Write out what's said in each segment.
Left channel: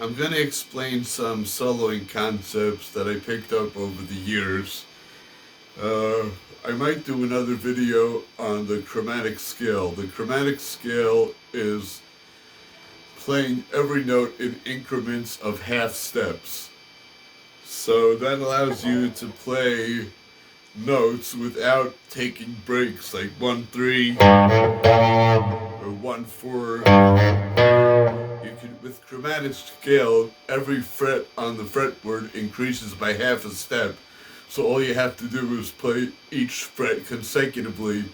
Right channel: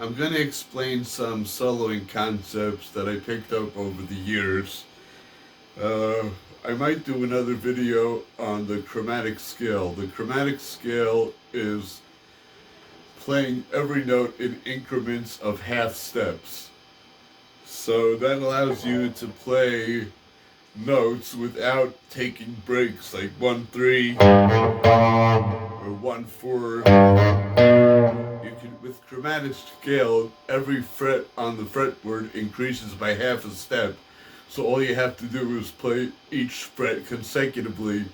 I'm going to explain some soloing concepts that I picked up over the years. I might do another video on the chromatic scale. The chromatic scale is playing every note in increments of half steps. So that allows you to play notes without taking breaks, like 1-3 or 1-4. You can, with chromatic scale, every fret on the fretboard increases by half a step. So all you have to do is play each fret consecutively,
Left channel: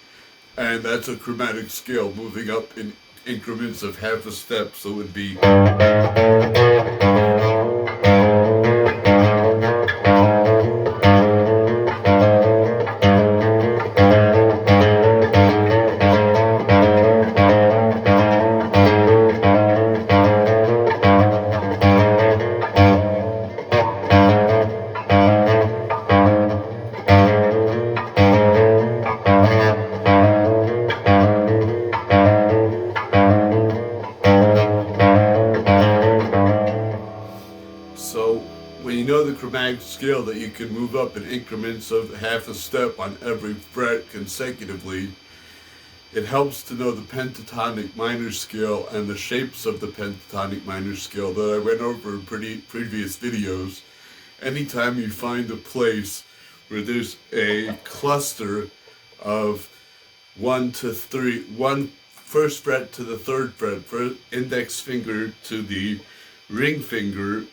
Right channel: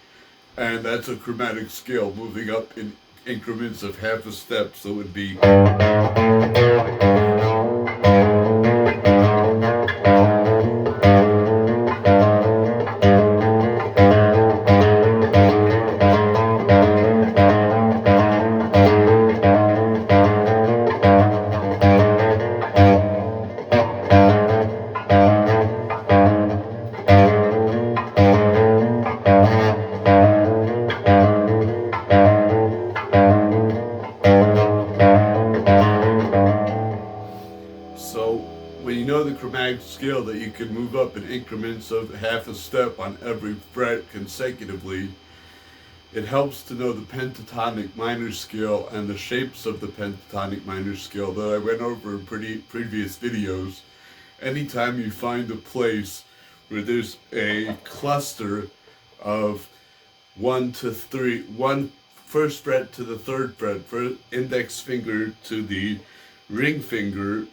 and that's a chromatic scale, moving up in increments of half a step. So it would be when you know the chromatic scale that you can move up in increments of half a step on every fret consecutively, it helps to know the pentatonic minor scale and the shapes of the pentatonic minor scale that I went over in previous videos. Anytime you find a place where there's a cluster of 1 to 3, one first fret to the third fret, first index finger to the ring finger,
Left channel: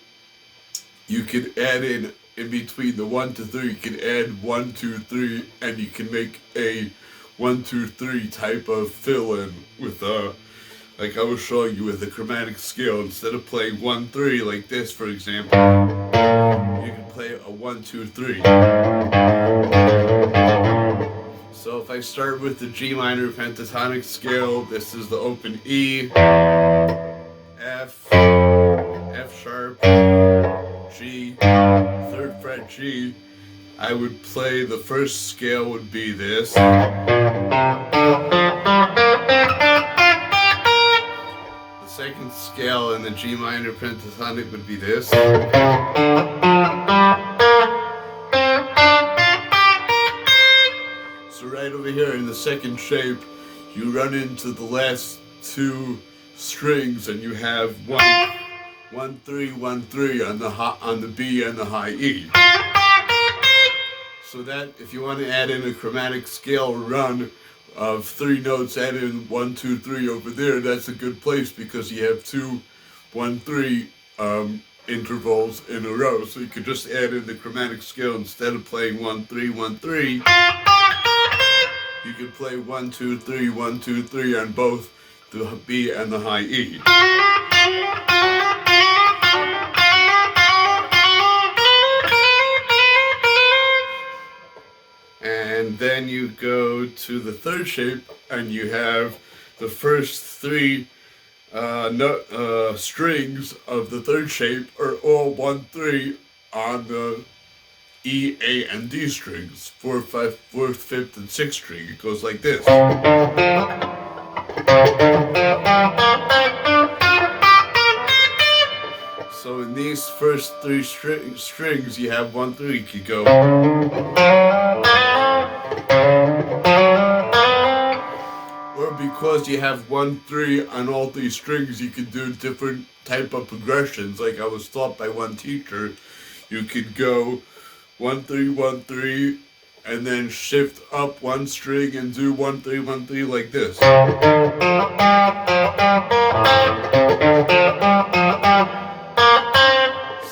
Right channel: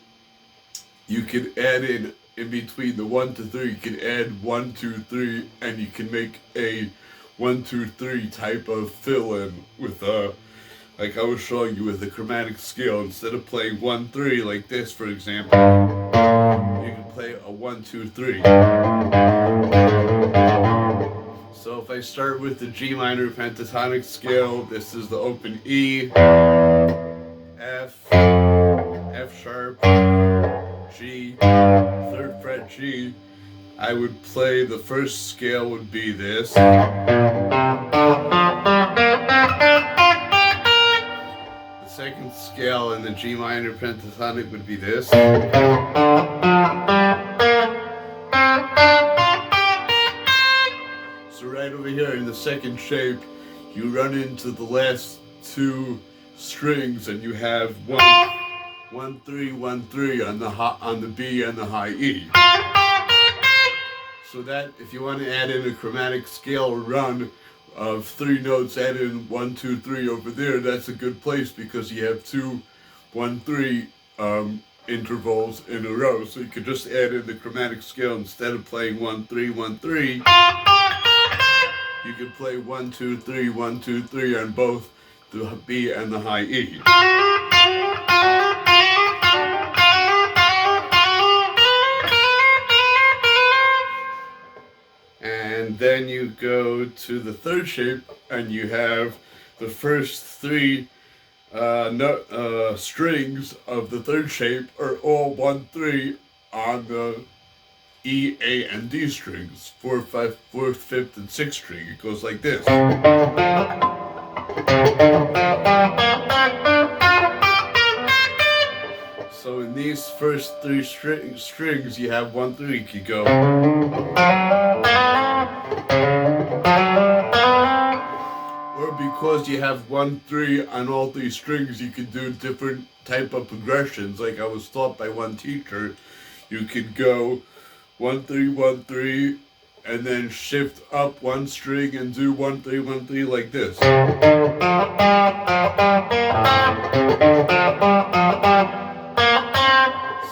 you can add in between the 1 to 3, you can add 1, 2, 3, and you can make a 1, 2, 3 type of fill-in with like I was showing you with the chromatic scale. Instead of playing 1, 3 like this, for example, you can play a 1, 2, 3. So if I start with the G minor pentatonic scale, this is the open E, F, F sharp, G, third fret G. I would play, the first scale would be this. The second scale in the G minor pentatonic would be this. So right over here in the second shape, you run into the last two strings and you have 1, 3, 1, 3 on the B and the high E. So that if you want to add in a chromatic scale run of 3 notes, add in 1, 2, 3 over there, that's a good place because you have 2, 1, 3 intervals in a row. So you could just add in the chromatic scale instead of playing 1, 3, 1, 3. You could play 1, 2, 3, 1, 2, 3 on both the B and the high E. And then you go to the third shape and you have the first 3 strings of the third shape are all 1, 3 on the E, A, and D strings. 4th, 5th, and 6th string. It goes like this. So in these first 3 strings, you have 1, 3. You could go. Or because you have 1, 3 on all 3 strings, you can do different type of progressions. Like I was taught by one teacher, you could go 1, 3, 1, 3, and then shift up 1 string and do 1, 3, 1, 3 like this. So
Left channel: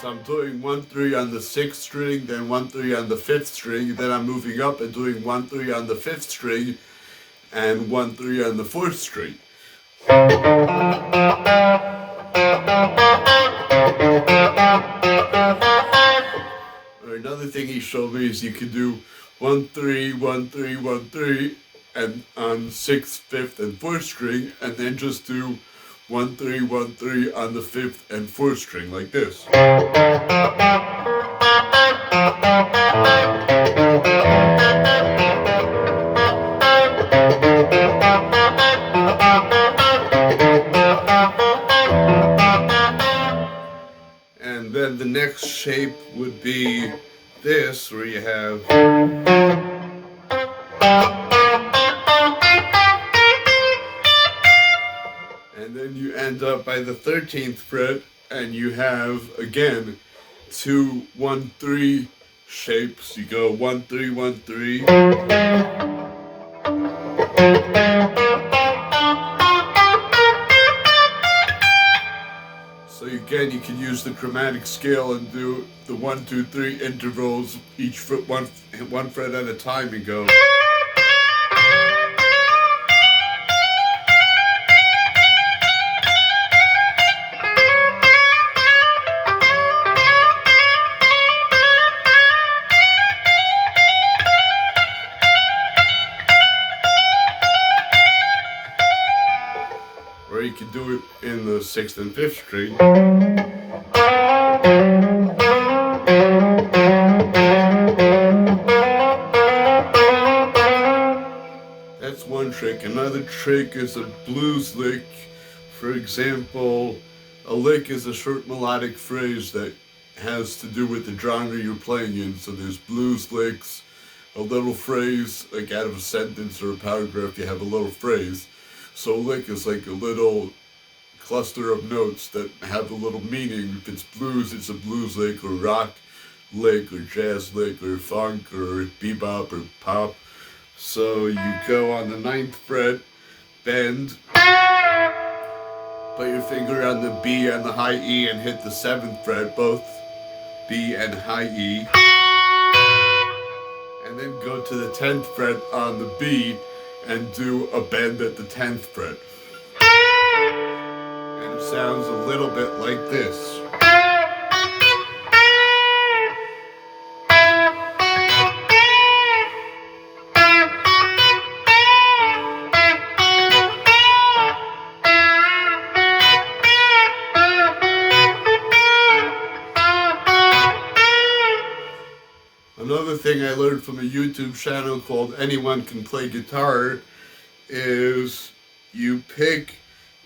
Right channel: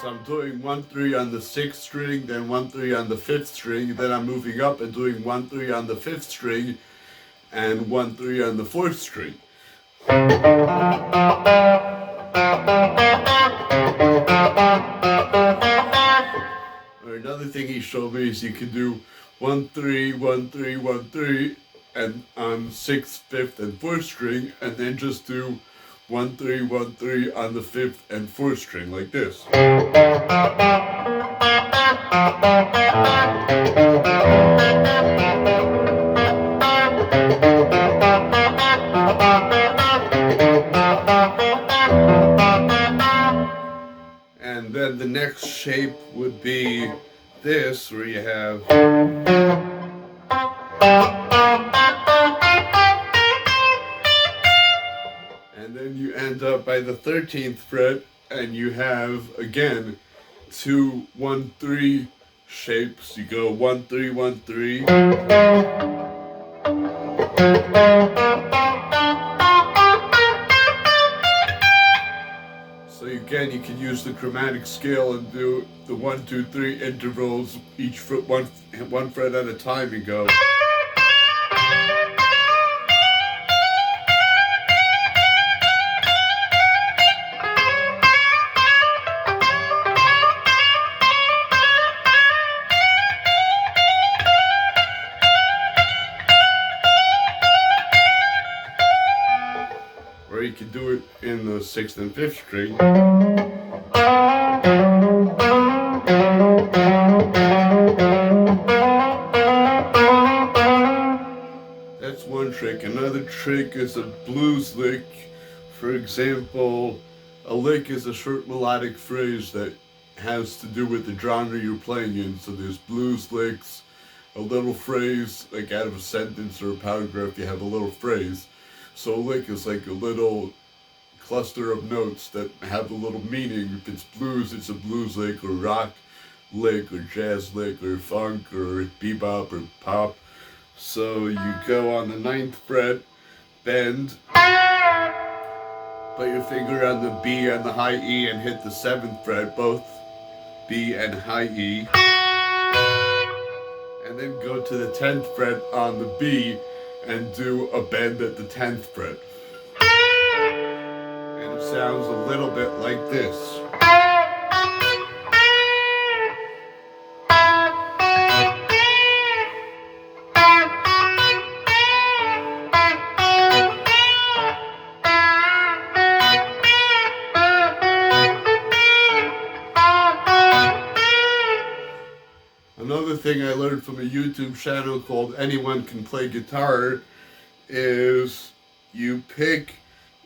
I'm doing 1, 3 on the 6th string, then 1, 3 on the 5th string, then I'm moving up and doing 1, 3 on the 5th string, and 1, 3 on the 4th string. Or another thing he showed me is you can do 1, 3, 1, 3, 1, 3, and on 6th, 5th, and 4th string, and then just do 1, 3, 1, 3 on the 5th and 4th string like this. next shape would be this, where you have, and then you end up by the 13th fret, and you have again 2 1 3 shapes. You go 1 3 1 3. So again, you can use the chromatic scale and do the 1 2 3 intervals, each foot one fret at a time, and go. Or you can do it in the 6th and 5th string. That's one trick. Another trick is a blues lick. For example, a lick is a short melodic phrase that has to do with the genre you're playing in. So there's blues licks, a little phrase, like out of a sentence or a paragraph, you have a little phrase. So a lick is like a little cluster of notes that have a little meaning. If it's blues, it's a blues lick, or rock lick, or jazz lick, or funk, or bebop, or pop. So you go on the 9th fret, bend, put your finger on the B and the high E and hit the 7th fret, both B and high E. And then go to the 10th fret on the B and do a bend at the 10th fret. And it sounds a little bit like this. Another thing I learned from a YouTube channel called Anyone Can Play Guitar is you pick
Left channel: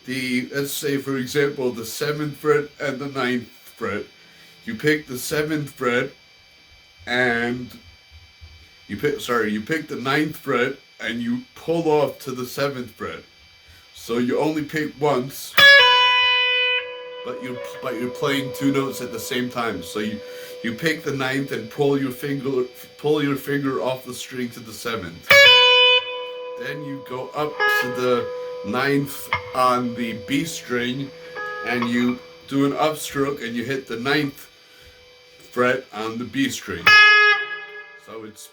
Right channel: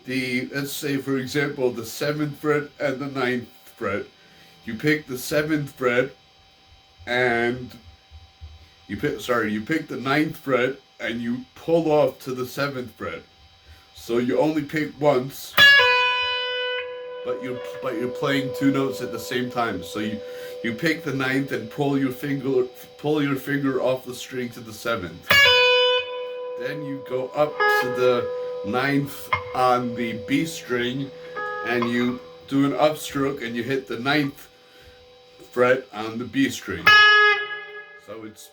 the, let's say for example, the 7th fret and the 9th fret. You pick the 7th fret and you pick the 9th fret and you pull off to the 7th fret. So you only pick once, but you're playing 2 notes at the same time. So you pick the 9th and pull your finger off the string to the 7th. Then you go up to the 9th on the B string and you do an upstroke and you hit the 9th fret on the B string. So it's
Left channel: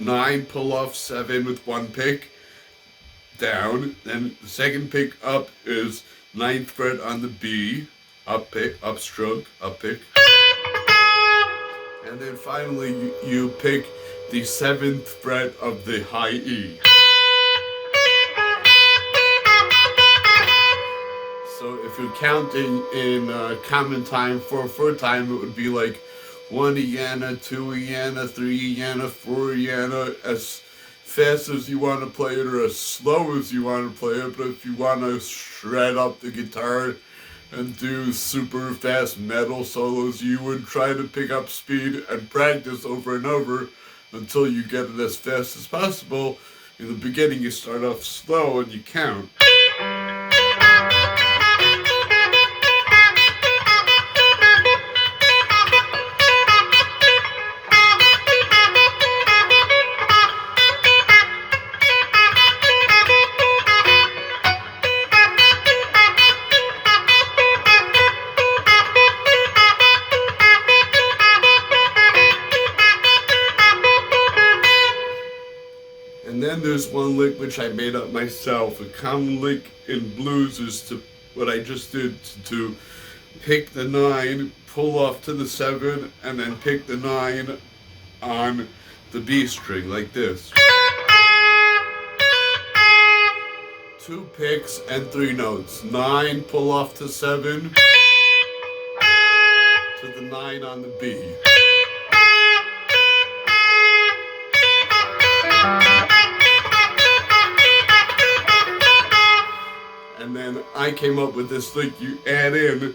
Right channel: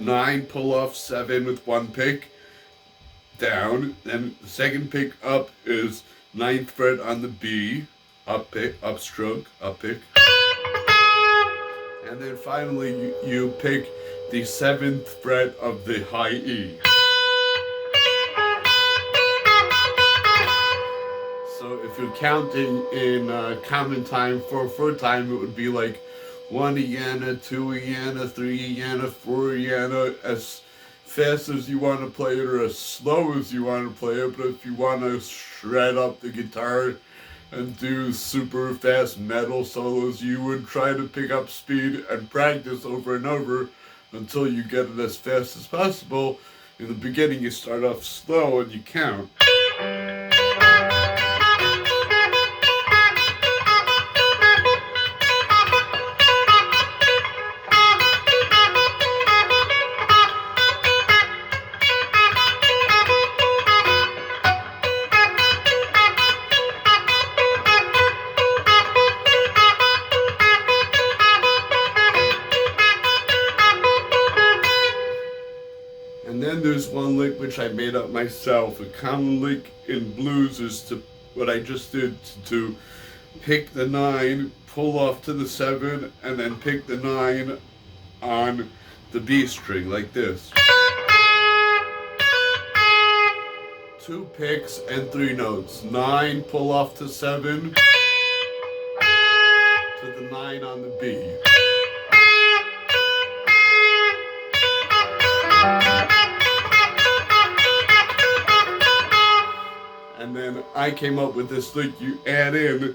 9, pull off, 7 with 1 pick, down. Then the second pick up is 9th fret on the B, up pick, upstroke, up pick. And then finally you pick the 7th fret of the high E. So if you're counting in common time, 4/4 time, it would be like 1 Iana, 2 Iana, 3 Iana, 4 Iana, as fast as you want to play it or as slow as you want to play it. But if you want to shred up the guitar and do super fast metal solos, you would try to pick up speed and practice over and over until you get it as fast as possible. In the beginning you start off slow and you count. And then there's one lick which I made up myself. A common lick in blues is to, what I just did, to pick the 9, pull off to the 7, and then pick the 9 on the B string, like this. 2 picks and 3 notes. 9, pull off to 7, to the 9 on the B. And then I came up with this lick. You add in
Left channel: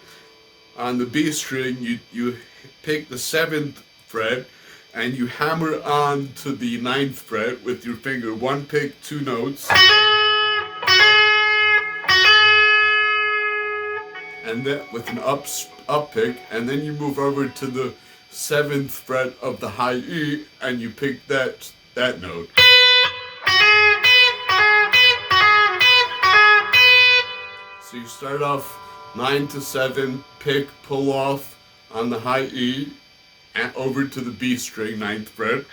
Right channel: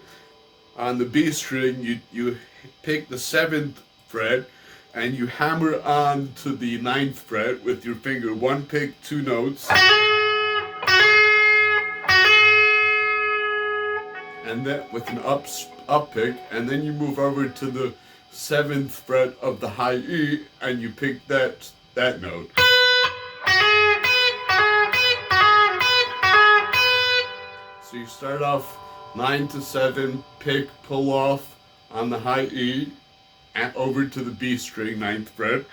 On the B string, you pick the 7th fret and you hammer on to the 9th fret with your finger. One pick, two notes. And then with an up pick, and then you move over to the 7th fret of the high E and you pick that note. So you start off 9 to 7, pick, pull off on the high E, and over to the B string, 9th fret.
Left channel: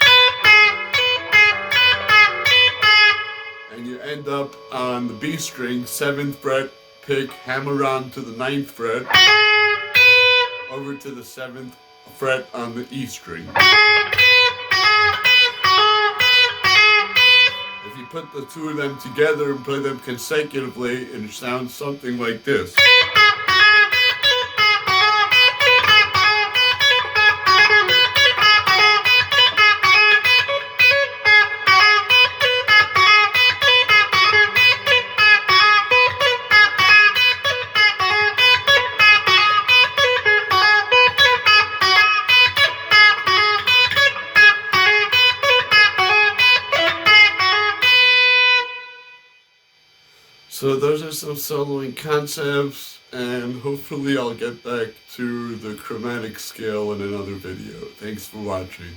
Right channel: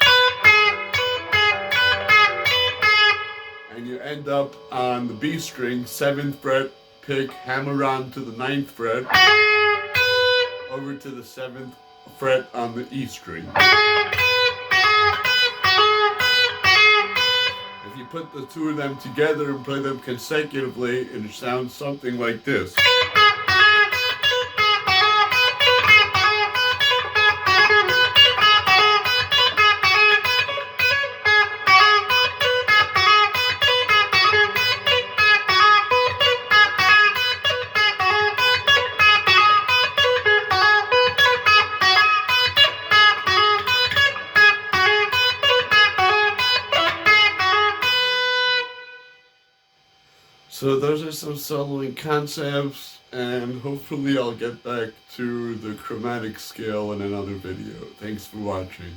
And you end up on the B string, 7th fret, pick, hammer on to the 9th fret, over to the 7th fret on the E string. If you put the two of them together and play them consecutively, it sounds something like this. So those are some soloing concepts, and hopefully I'll get back to the chromatic scale in another video. Thanks for watching.